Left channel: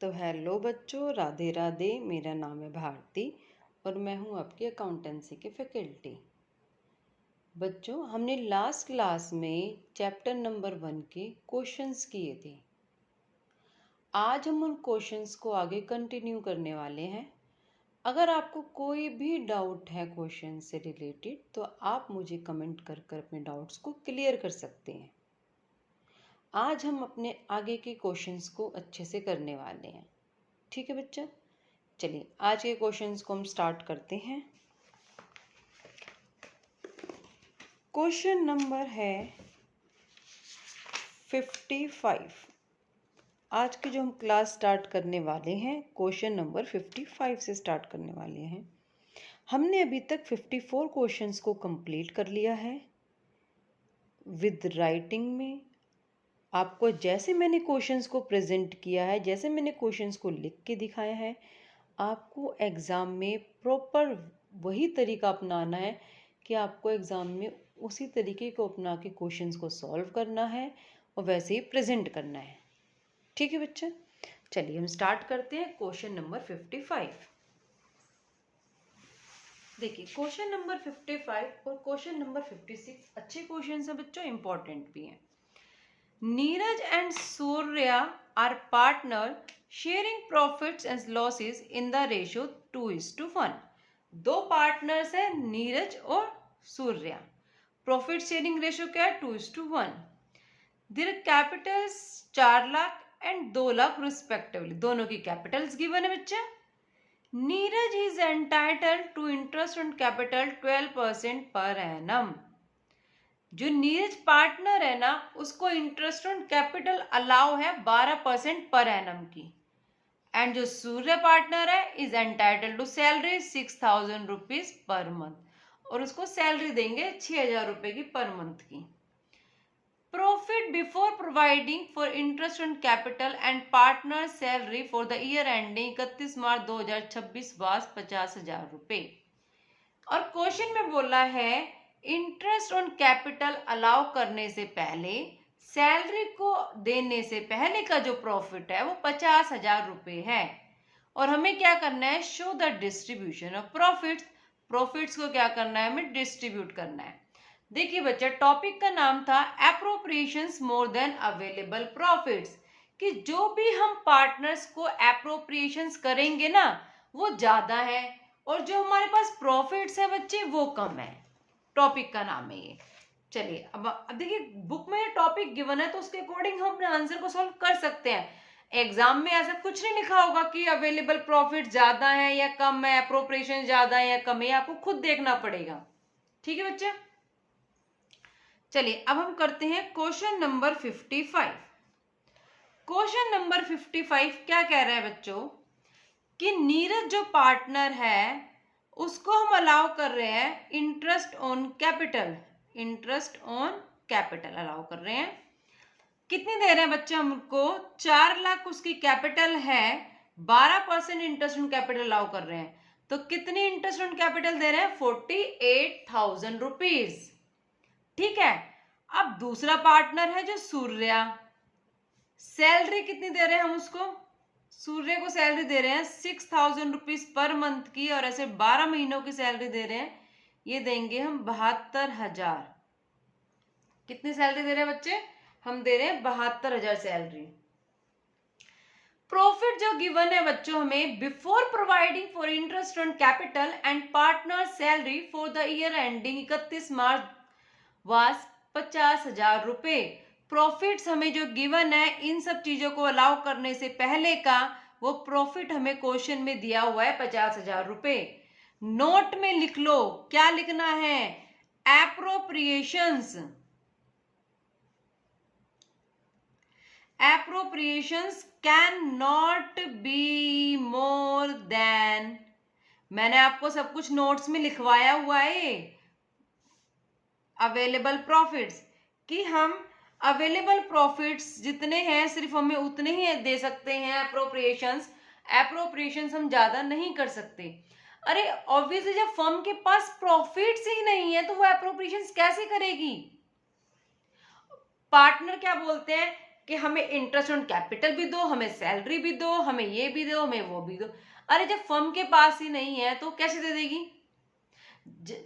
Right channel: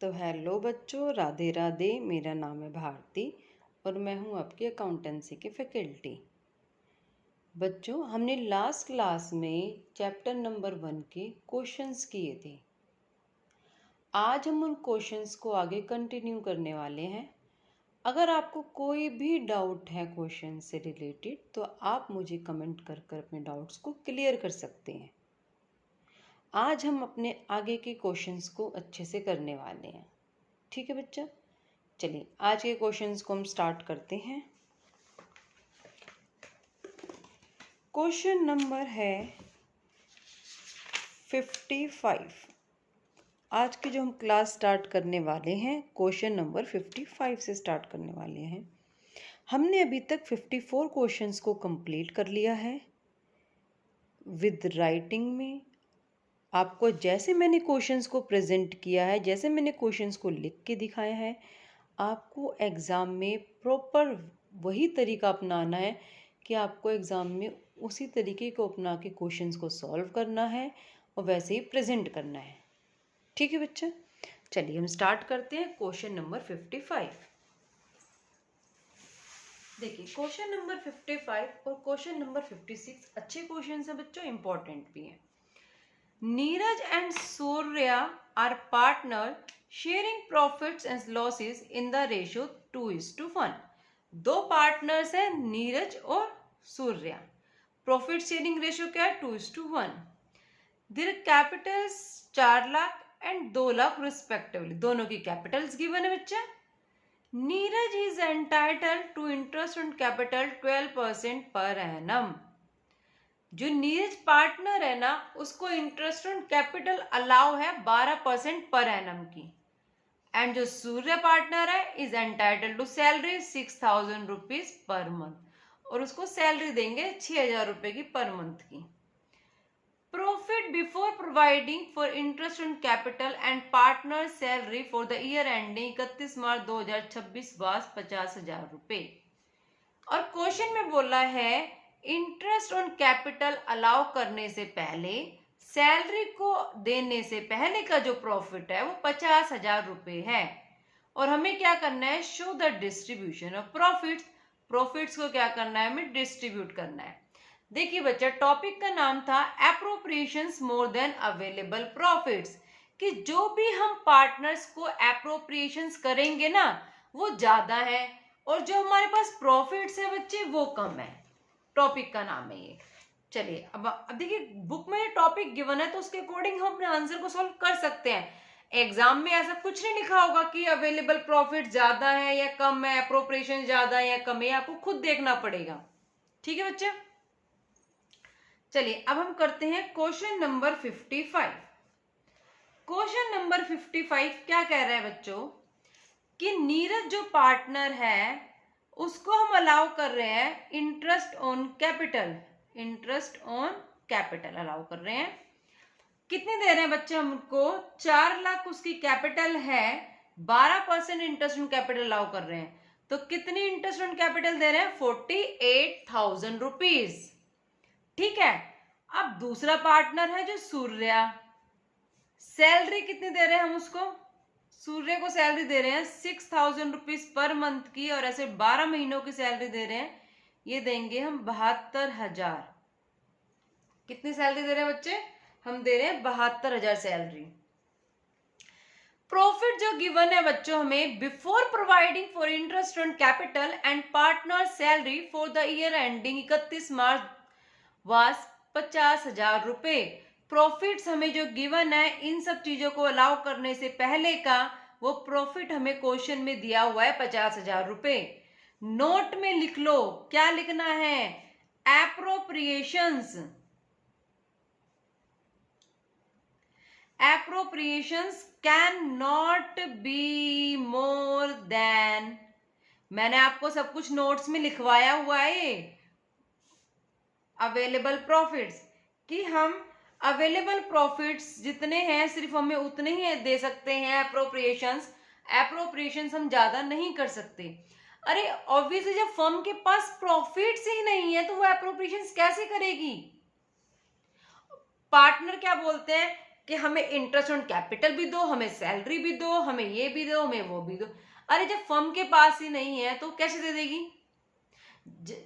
तो हेलो बच्चों, राधे राधे। मेरा नाम है भारती और मैं हूँ आपकी अकाउंटेंसी की फैकल्टी। बच्चों, हमने लास्ट क्लास में चैप्टर नंबर 1 के क्वेश्चंस किए थे। आज हम उन क्वेश्चंस को आगे कंटिन्यू करने वाले हैं। अगर आपको कोई भी डाउट है क्वेश्चन से रिलेटेड तो आप मुझे कमेंट कर कर अपने डाउट्स को क्लियर कर सकते हैं। आज हम अपने आगे के क्वेश्चंस को अच्छे से करने वाले हैं। ठीक है बच्चा, चलिए आज के क्वेश्चंस को हम स्टार्ट करते हैं। क्वेश्चन नंबर है 55। आज की जो हम क्लास स्टार्ट करने वाले हैं क्वेश्चन नंबर 55 से स्टार्ट करने वाले हैं। हमने अभी तक 54 क्वेश्चंस को कंप्लीट कर लिया है विद राइटिंग में। आपको जैसे मैंने क्वेश्चंस को प्रेजेंट किया है, जैसे मैंने क्वेश्चंस को लिख के दिखाया है, आपको एग्ज़ाम में प्रॉपर वही तरीका अपनाना है कि आपको एग्ज़ाम में उसी तरीके को अपना के क्वेश्चंस को सॉल्व करना है और वैसे ही प्रेजेंट करना है। ठीक है बच्चा, चलिए हम स्टार्ट करते हैं क्वेश्चन नंबर 55। देखिए क्वेश्चन नंबर 55 और क्वेश्चन नंबर 56 अच्छे क्वेश्चन हैं बच्चों, इंपॉर्टेंट भी हैं। Neeraj and Surya are partner sharing profits and losses in the ratio 2:1। दो पार्टनर्स हैं नीरज और सूर्या। प्रॉफिट शेयरिंग रेशियो क्या है? 2:1। Their capitals 4 lakh and 2 lakh respectively. दोनों की कैपिटल्स गिवन है बच्चा। Neeraj is entitled to interest on capital 12% per annum. जो नीरज पार्टनर है ना, उसको इंटरेस्ट ऑन कैपिटल अलाउ है 12% पर एनम की। एंड जो सूर्य पार्टनर है is entitled to salary 6,000 rupees per month, और उसको सैलरी देंगे 6,000 रुपए की पर मंथ की। Profit before providing for interest on capital and partner salary for the year ending 31 March 2026 was 50,000 रुपए। और क्वेश्चन में बोला है इंटरेस्ट ऑन कैपिटल अलाउ करने से पहले, सैलरी को देने से पहले का जो प्रॉफिट है वो 50,000 रुपए है। और हमें क्या करना है? Show the distribution of profits. Profits को क्या करना है? हमें डिस्ट्रीब्यूट करना है। देखिए बच्चा, टॉपिक का नाम था appropriations more than available profits, कि जो भी हम पार्टनर्स को एप्रोप्रिएशंस करेंगे ना वो ज्यादा है, और जो हमारे पास प्रॉफिट्स है बच्चे वो कम है। टॉपिक का नाम है ये। चलिए अब देखिए, बुक में टॉपिक गिवन है तो उसके अकॉर्डिंग हम अपने आंसर को सॉल्व कर सकते हैं। एग्जाम में ऐसा कुछ नहीं लिखा होगा कि अवेलेबल प्रॉफिट ज्यादा है या कम है, अप्रोप्रिएशन ज्यादा है या कम है, आपको खुद देखना पड़ेगा। ठीक है बच्चे, चलिए अब हम करते हैं क्वेश्चन नंबर 55। क्वेश्चन नंबर 55 क्या कह रहे हैं बच्चों कि नीरज जो पार्टनर है उसको हम अलाउ कर रहे हैं interest on capital. Interest on capital allow कर रहे हैं। कितनी दे रहे हैं बच्चे हमको? 4 लाख उसकी कैपिटल है, 12% इंटरेस्ट ऑन कैपिटल अलाउ कर रहे हैं। तो कितनी इंटरेस्ट ऑन कैपिटल दे रहे हैं? 48,000 रुपीज। ठीक है। अब दूसरा पार्टनर है जो सूर्या, सैलरी कितनी दे रहे हैं हम उसको? सूर्य को सैलरी दे रहे हैं 6,000 रुपीज पर मंथ की, और ऐसे 12 महीनों की सैलरी दे रहे हैं। ये देंगे हम 72,000। कितनी सैलरी दे रहे हैं बच्चे? हम दे रहे हैं 72,000 सैलरी। प्रॉफिट जो गिवन है बच्चों हमें, before providing for interest on capital and partner salary for the year ending 31 March was 50,000 रुपए। प्रॉफिट्स हमें जो गिवन है इन सब चीजों को अलाउ करने से पहले का वो प्रॉफिट हमें क्वेश्चन में दिया हुआ है 50,000 रुपए। नोट में लिख लो, क्या लिखना है? Appropriations. Appropriations can not be more than, मैंने आपको सब कुछ नोट्स में लिखवाया हुआ है, अवेलेबल प्रॉफिट्स, कि हम अवेलेबल प्रॉफिट्स जितने हैं सिर्फ हमें उतने ही दे सकते हैं। एप्रोप्रिएशंस हम ज्यादा नहीं कर सकते। अरे ऑब्वियसली जब फर्म के पास प्रॉफिट्स ही नहीं है तो वो एप्रोप्रिएशंस कैसे करेगी? पार्टनर क्या बोलते हैं कि हमें इंटरेस्ट ऑन कैपिटल भी दो, हमें सैलरी भी दो, हमें ये भी दो, हमें वो भी दो। अरे जब फर्म के पास ही नहीं है तो कैसे दे देगी?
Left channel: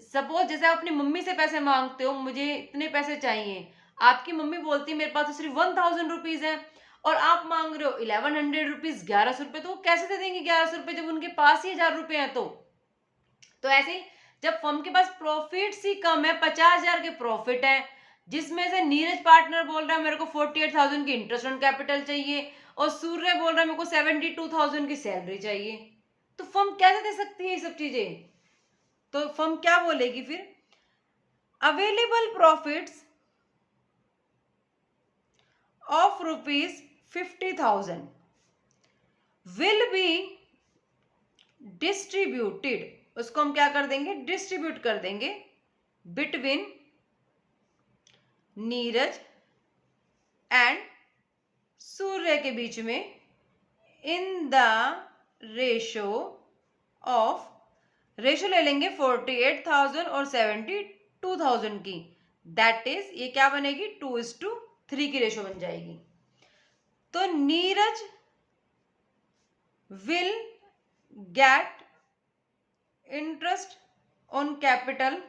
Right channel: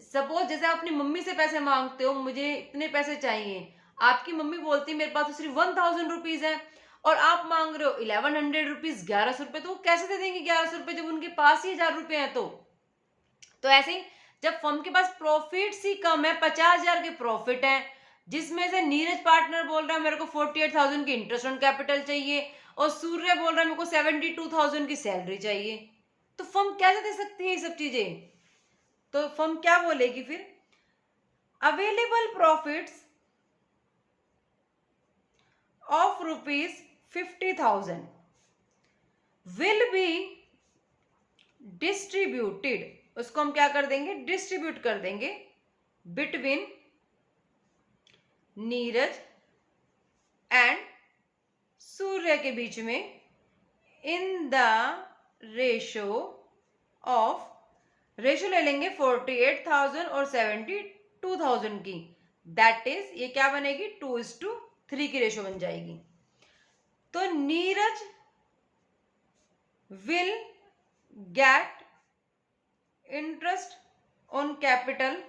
सपोज जैसे आप अपनी मम्मी से पैसे मांगते हो, मुझे इतने पैसे चाहिए, आपकी मम्मी बोलती है मेरे पास तो सिर्फ 1000 रुपीज है, और आप मांग रहे हो 1100 रुपीज, 1100 रुपए, तो वो कैसे दे देंगे 1100 रुपए जब उनके पास ही 1000 रुपए हैं? तो ऐसे ही जब फर्म के पास प्रॉफिट ही कम है, 50,000 के प्रॉफिट है, जिसमें से नीरज पार्टनर बोल रहा है मेरे को 48,000 की इंटरेस्ट ऑन कैपिटल चाहिए, और सूर्य बोल रहा है मेरे को 72,000 की सैलरी चाहिए, तो फर्म कैसे दे सकती है ये सब चीजें? तो फर्म क्या बोलेगी फिर? Available profits of ₹50,000 will be distributed, उसको हम क्या कर देंगे? डिस्ट्रीब्यूट कर देंगे बिटवीन नीरज एंड सूर्य के बीच में, इन द रेशो ऑफ, रेशो ले लेंगे 48,000 और 72,000 की, दैट इज ये क्या बनेगी? 2:3 की रेशो बन जाएगी। तो Neeraj will get interest on capital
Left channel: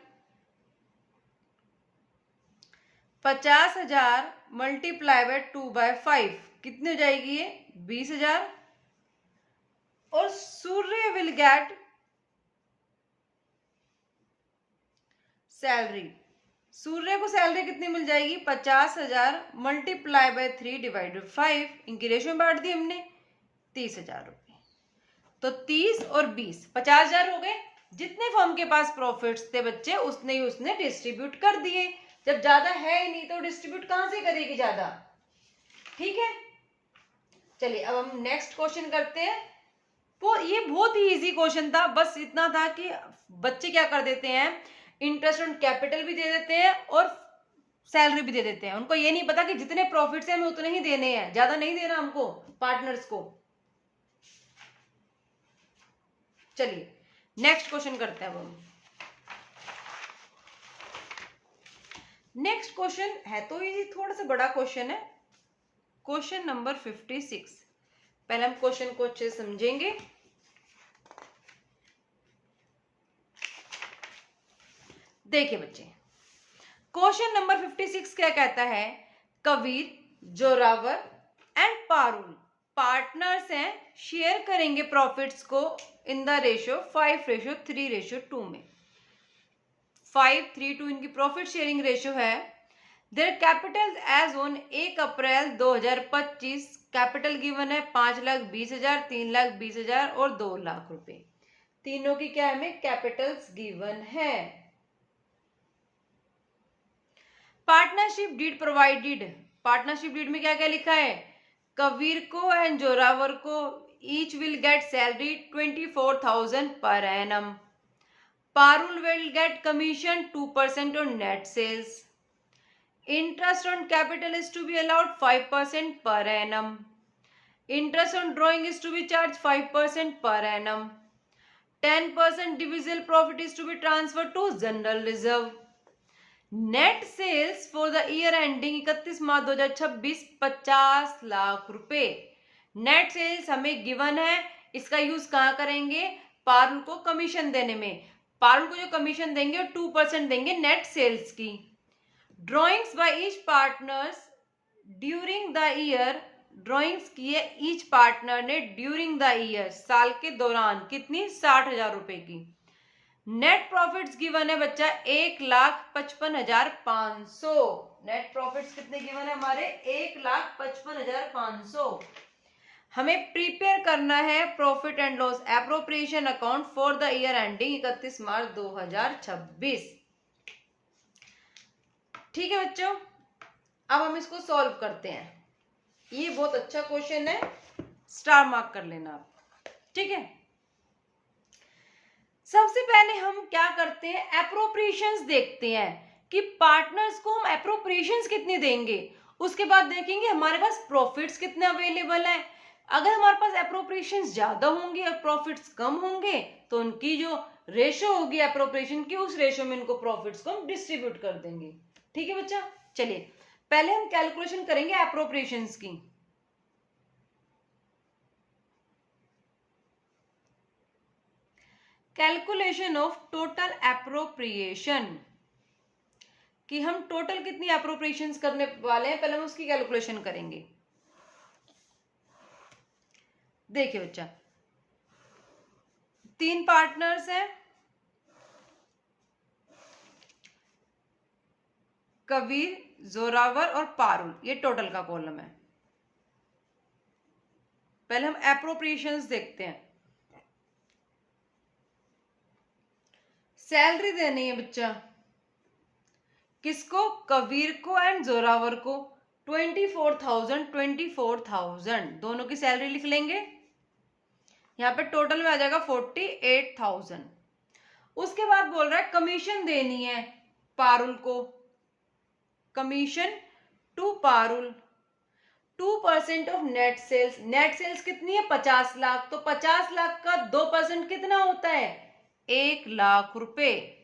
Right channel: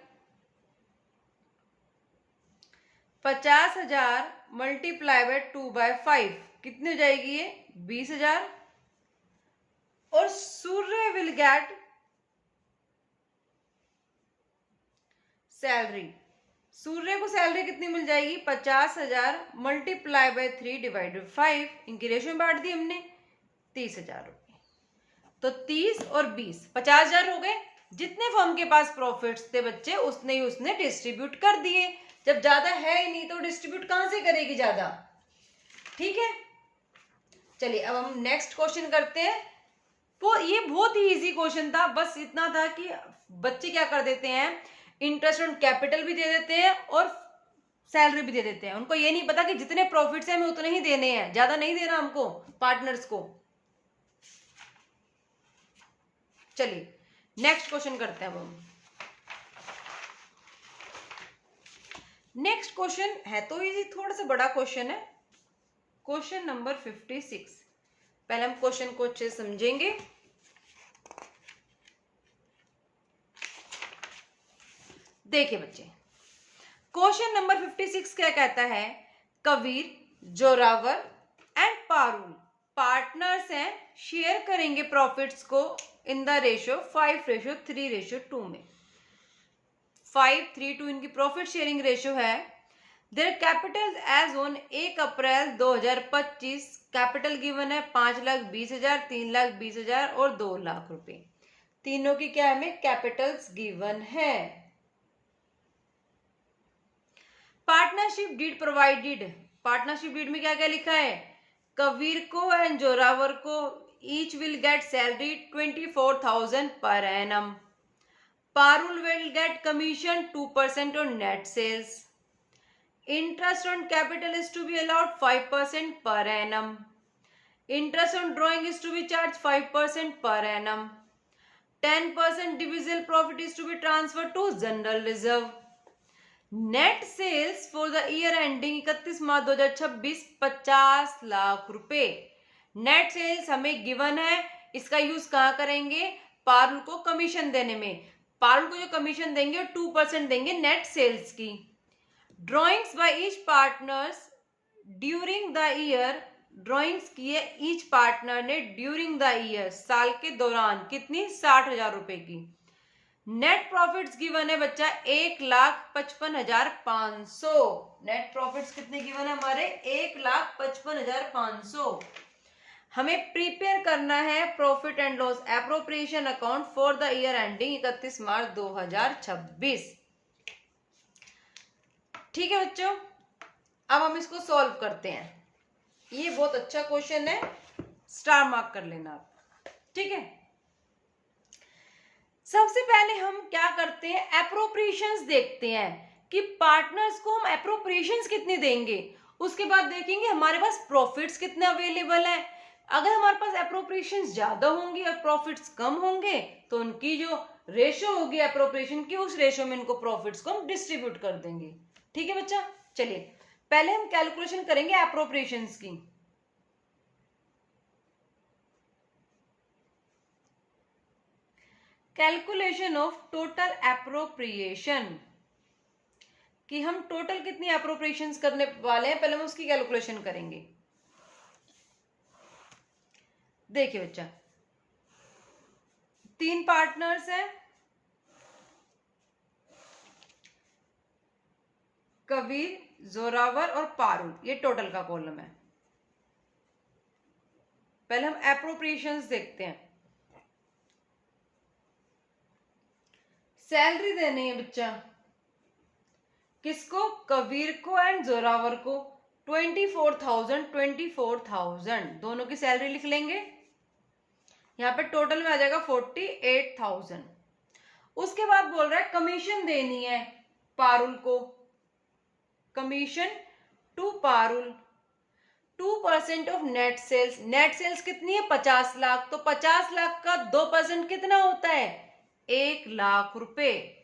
50,000 multiply by 2/5, कितनी हो जाएगी ये? 20,000। और सूर्य विल गेट सैलरी, सूर्य को सैलरी कितनी मिल जाएगी? 50,000 मल्टीप्लाई बाय 3 डिवाइडेड 5, इनकी रेशो में बांट दी हमने, 30,000 रुपए। तो 30 और 20, 50,000 हो गए। जितने फर्म के पास प्रॉफिट्स थे बच्चे, उसने ही उसने डिस्ट्रीब्यूट कर दिए। जब ज्यादा है ही नहीं तो डिस्ट्रीब्यूट कहां से करेगी ज्यादा? ठीक है, चलिए अब हम नेक्स्ट क्वेश्चन करते हैं। वो ये बहुत ही इजी क्वेश्चन था, बस इतना था कि बच्चे क्या कर देते हैं, इंटरेस्ट ऑन कैपिटल भी दे देते हैं और सैलरी भी दे देते हैं। उनको ये नहीं पता कि जितने प्रॉफिट्स हैं हमें उतने ही देने हैं, ज्यादा नहीं देना हमको पार्टनर्स को। चलिए नेक्स्ट क्वेश्चन करते हैं अब हम। नेक्स्ट क्वेश्चन है तो ये थोड़ा सा बड़ा क्वेश्चन है, क्वेश्चन नंबर 56। पहले हम क्वेश्चन को अच्छे से समझेंगे। देखिए बच्चे, क्वेश्चन नंबर 56 क्या कहता है? कबीर, जोरावर एंड पारुल पार्टनर्स हैं, शेयर करेंगे प्रॉफिट्स को इन द रेशो 5:3:2 में। 5:3:2 इनकी प्रॉफिट शेयरिंग रेशो है। Their capital as on 1 April 2025, capital given है 5,20,000, 3,20,000 और 2 लाख रुपए। तीनों की क्या हमें कैपिटल्स गिवन है। Partnership deed provided, partnership deed में क्या क्या लिखा है? कबीर को एंड जोरावर को each will get salary 24,000 per annum. Parul will get commission 2% on net sales. Interest on capital is to be allowed 5% per annum. Interest on drawing is to be charged 5% per annum. 10% divisible profit is to be transferred to general reserve. Net sales for the year ending 31 March 2026 50 lakh रुपए। Net sales हमें given है, इसका use कहाँ करेंगे? पारुल को commission देने में। पारुल को जो कमीशन देंगे वो 2% देंगे नेट सेल्स की। Drawings by each partners during the year, drawings किए ईच पार्टनर ने ड्यूरिंग द ईयर, साल के दौरान, कितनी? 60,000 रुपए की। नेट प्रॉफिट्स गिवन है बच्चा 1,55,500। नेट प्रॉफिट्स कितने गिवन है हमारे? 1,55,500। हमें प्रिपेयर करना है profit and loss appropriation account for the year ending 31 March 2026। ठीक है बच्चों, अब हम इसको सॉल्व करते हैं। ये बहुत अच्छा क्वेश्चन है, स्टार मार्क कर लेना आप। ठीक है, सबसे पहले हम क्या करते हैं? एप्रोप्रिएशंस देखते हैं कि पार्टनर्स को हम एप्रोप्रिएशंस कितने देंगे। उसके बाद देखेंगे हमारे पास प्रॉफिट्स कितने अवेलेबल हैं। अगर हमारे पास एप्रोप्रिएशंस ज्यादा होंगे और प्रॉफिट्स कम होंगे तो उनकी जो रेशो होगी एप्रोप्रिएशन की, उस रेशो में इनको प्रॉफिट्स को हम डिस्ट्रीब्यूट कर देंगे। ठीक है बच्चा, चलिए पहले हम कैलकुलेशन करेंगे एप्रोप्रिएशंस की। कैलकुलेशन ऑफ टोटल एप्रोप्रिएशन, कि हम टोटल कितनी एप्रोप्रिएशंस करने वाले हैं, पहले हम उसकी कैलकुलेशन करेंगे। देखिए बच्चा, 3 पार्टनर्स हैं, कबीर, जोरावर और पारुल, ये टोटल का कॉलम है। पहले हम एप्रोप्रिएशंस देखते हैं। सैलरी देनी है बच्चा, किसको? कबीर को एंड जोरावर को। 24,000 दोनों की सैलरी लिख लेंगे। यहाँ पे टोटल में आ जाएगा 48,000। उसके बाद बोल रहा है कमीशन देनी है पारुल को, commission to Parul 2% of net sales. Net sales कितनी है? 50 लाख। तो 50 लाख का 2% कितना होता है? 1 लाख रुपए,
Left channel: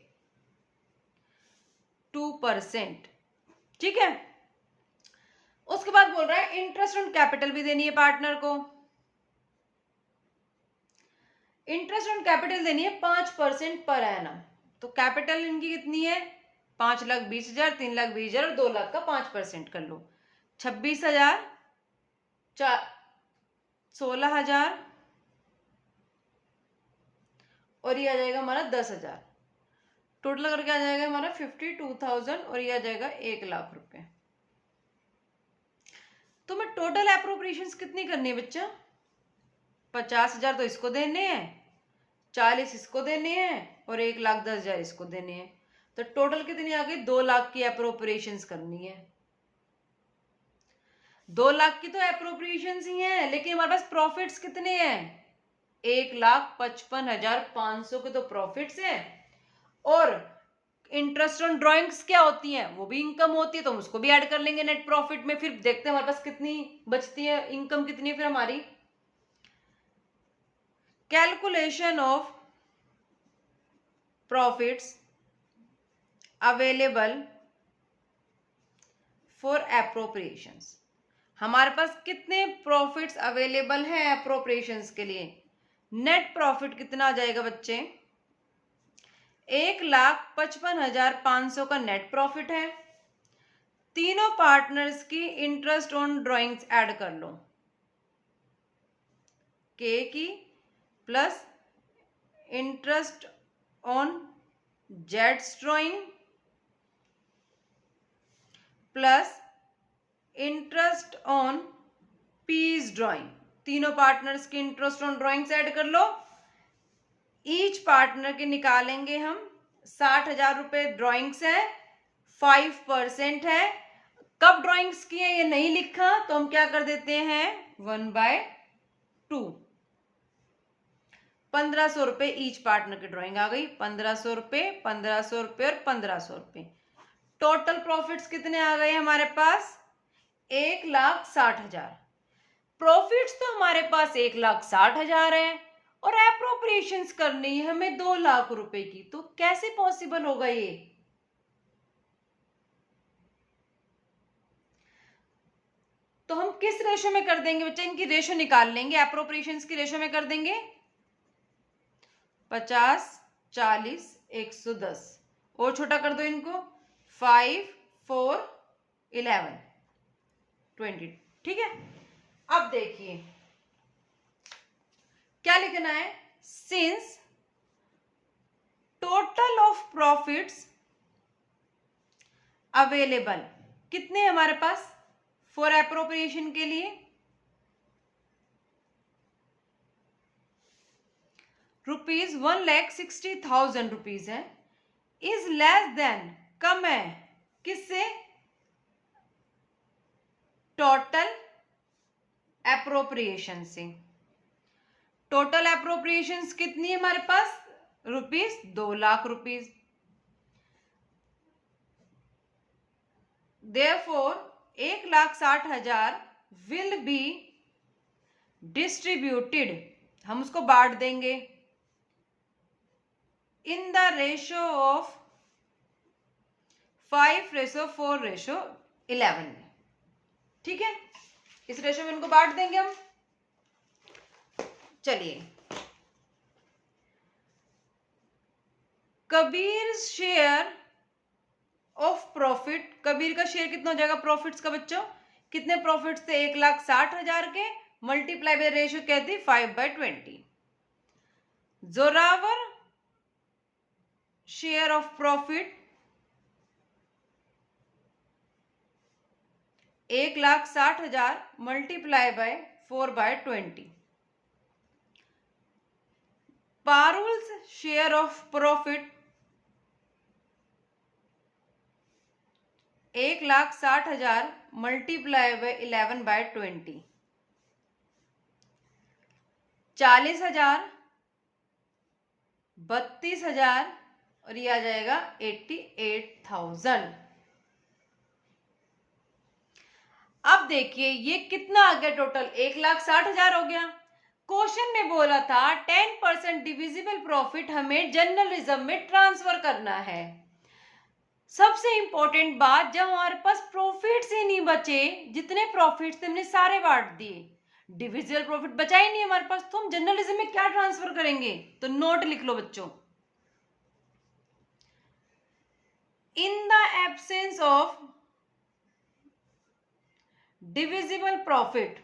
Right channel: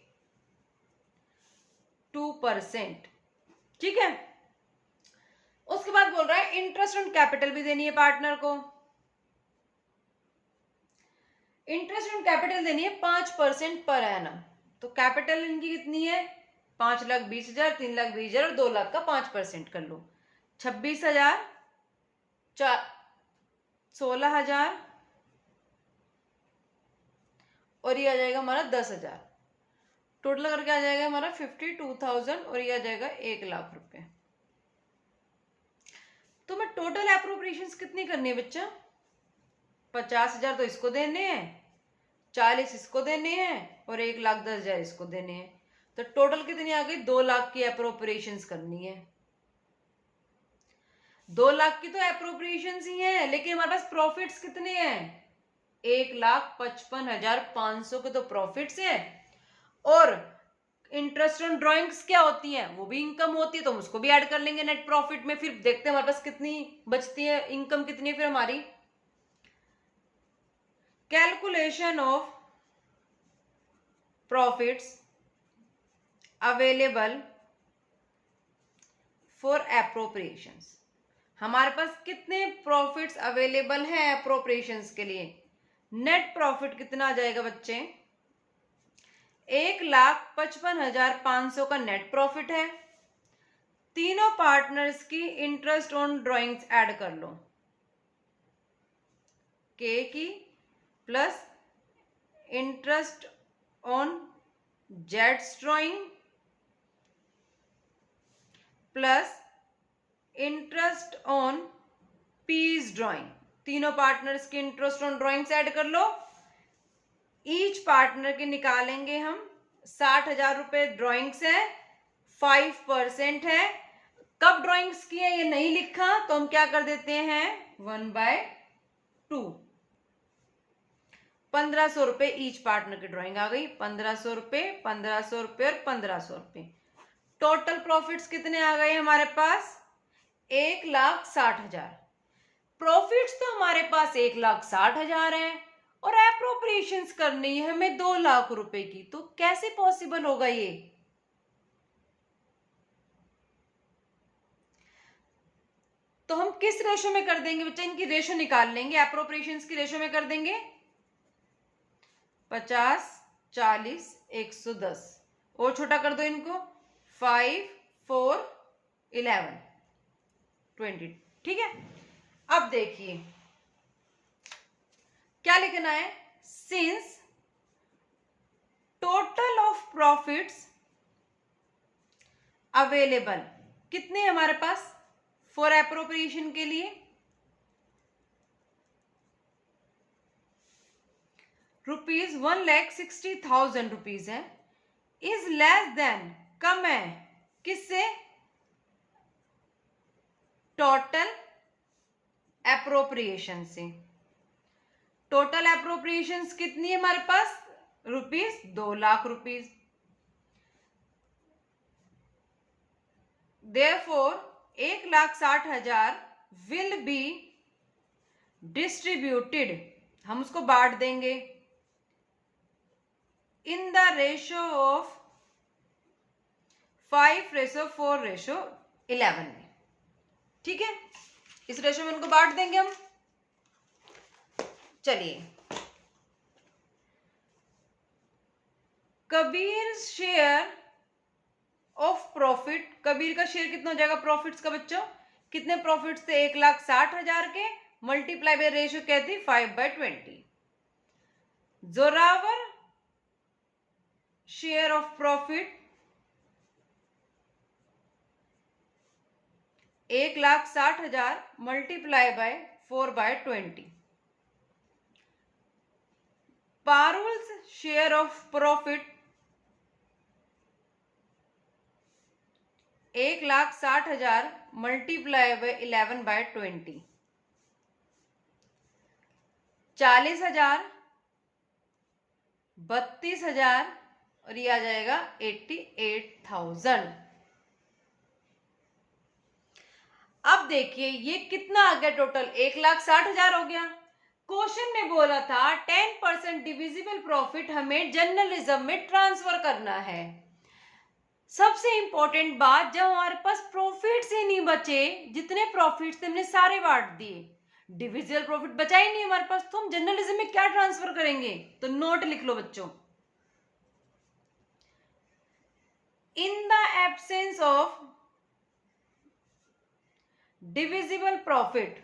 2%। ठीक है। उसके बाद बोल रहा है इंटरेस्ट ऑन कैपिटल भी देनी है पार्टनर को। इंटरेस्ट ऑन कैपिटल देनी है 5% पर एनम। तो कैपिटल इनकी कितनी है? 5,20,000, 3,20,000 और 2 लाख का 5% कर लो। 26,000, 16,000 और ये आ जाएगा हमारा 10,000। टोटल करके आ जाएगा हमारा 52,000 और ये आ जाएगा 1 लाख रुपए। तो मैं टोटल एप्रोप्रिएशंस कितनी करनी है बच्चा? 50,000 तो इसको देने हैं, 40 इसको देने हैं और 1,10,000 इसको देने हैं। तो टोटल कितनी आ गई? 2 लाख की एप्रोप्रिएशंस करनी है। 2 लाख की तो एप्रोप्रिएशंस ही है, लेकिन हमारे पास प्रॉफिट्स कितने हैं? 1,55,500 के तो प्रॉफिट्स हैं। और इंटरेस्ट ऑन ड्रॉइंग्स क्या होती हैं? वो भी इनकम होती है, तो हम उसको भी ऐड कर लेंगे नेट प्रॉफिट में। फिर देखते हैं हमारे पास कितनी बचती है, इनकम कितनी है फिर हमारी। Calculation of profits available for appropriations. हमारे पास कितने प्रॉफिट्स अवेलेबल हैं एप्रोप्रिएशंस के लिए? नेट प्रॉफिट कितना आ जाएगा बच्चे? 1,55,500 का नेट प्रॉफिट है। तीनों पार्टनर्स की इंटरेस्ट ऑन ड्रॉइंग्स ऐड कर लो, के की प्लस इंटरेस्ट ऑन जेड्स drawing plus interest on P's drawing. तीनों पार्टनर्स की इंटरेस्ट ऑन ड्रॉइंग्स ऐड कर लो। ईच पार्टनर के निकालेंगे हम। 60,000 रुपए ड्रॉइंग्स है, 5% है। कब ड्रॉइंग्स की है ये नहीं लिखा, तो हम क्या कर देते हैं? 1/2। 1,500 रुपए ईच पार्टनर की ड्रॉइंग आ गई। 1,500 रुपए, 1,500 रुपए और 1,500 रुपए। टोटल प्रॉफिट्स कितने आ गए हमारे पास? 1,60,000। प्रॉफिट्स तो हमारे पास 1,60,000 है और एप्रोप्रिएशंस करनी है हमें 2 लाख रुपए की। तो कैसे पॉसिबल होगा ये? तो हम किस रेशो में कर देंगे बच्चा? इनकी रेशो निकाल लेंगे, एप्रोप्रिएशंस की रेशो में कर देंगे 50, 40, 110 और छोटा कर दो इनको 5, 4, 11, 20। ठीक है। अब देखिए क्या लिखना है? Since total of profits available कितने हमारे पास फॉर एप्रोप्रिएशन के लिए? रुपीज 1,60,000 रुपीज है। इज लेस देन, कम है किससे? टोटल एप्रोप्रिएशन से। टोटल एप्रोप्रिएशंस कितनी है हमारे पास? Rupees 2 lakh rupees. Therefore 1,60,000 will be distributed, हम उसको बांट देंगे in the ratio of 5:4:2। 11 में। ठीक है, इस रेशो में इनको बांट देंगे हम। चलिए, Kabir share of profit, Kabir का शेयर कितना हो जाएगा प्रॉफिट्स का बच्चों? कितने प्रॉफिट्स थे? 1,60,000 के, मल्टीप्लाई बाय रेशियो क्या थी? 5/20। Zorawar share of profit 1,60,000 multiply by 4/20। Parul's share of profit 1,60,000 multiply by 11/20। 40,000, 32,000 और ये आ जाएगा 88,000। अब देखिए ये कितना आ गया टोटल? 1,60,000 हो गया। क्वेश्चन में बोला था 10% डिविजिबल प्रॉफिट हमें जर्नलिज्म में ट्रांसफर करना है। सबसे इंपॉर्टेंट बात, जब हमारे पास प्रॉफिट्स ही नहीं बचे, जितने प्रॉफिट्स थे हमने सारे बांट दिए, डिविजिबल प्रॉफिट बचा ही नहीं हमारे पास, तो हम जर्नलिज्म में क्या ट्रांसफर करेंगे? तो नोट लिख लो बच्चों, in the absence of divisible profit,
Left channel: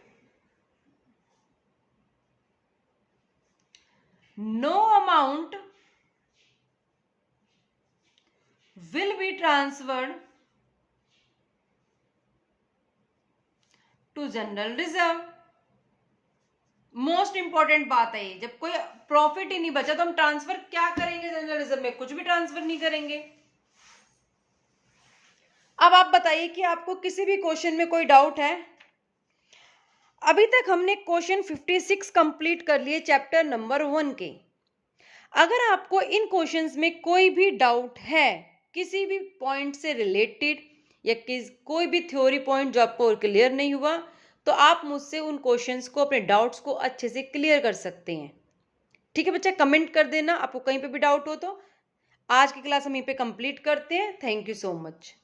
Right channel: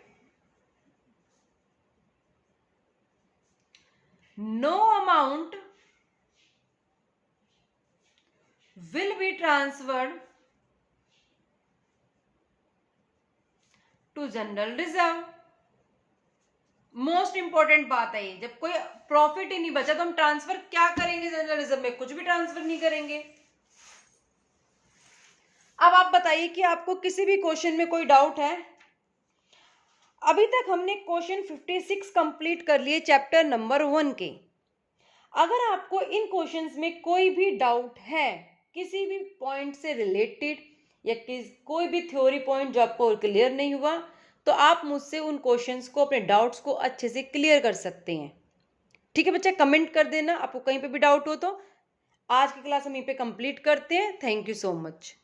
no amount will be transferred to general reserve। Most important बात है ये, जब कोई प्रॉफिट ही नहीं बचा तो हम ट्रांसफर क्या करेंगे जनरल रिजर्व में? कुछ भी ट्रांसफर नहीं करेंगे। अब आप बताइए कि आपको किसी भी क्वेश्चन में कोई डाउट है? अभी तक हमने क्वेश्चन 56 कंप्लीट कर लिए चैप्टर नंबर 1 के। अगर आपको इन क्वेश्चंस में कोई भी डाउट है, किसी भी पॉइंट से रिलेटेड या कोई भी थ्योरी पॉइंट जो आपको क्लियर नहीं हुआ, तो आप मुझसे उन क्वेश्चंस को, अपने डाउट्स को अच्छे से क्लियर कर सकते हैं। ठीक है बच्चा, कमेंट कर देना आपको कहीं पे भी डाउट हो तो। आज की क्लास हम यहीं पे कंप्लीट करते हैं। Thank you so much.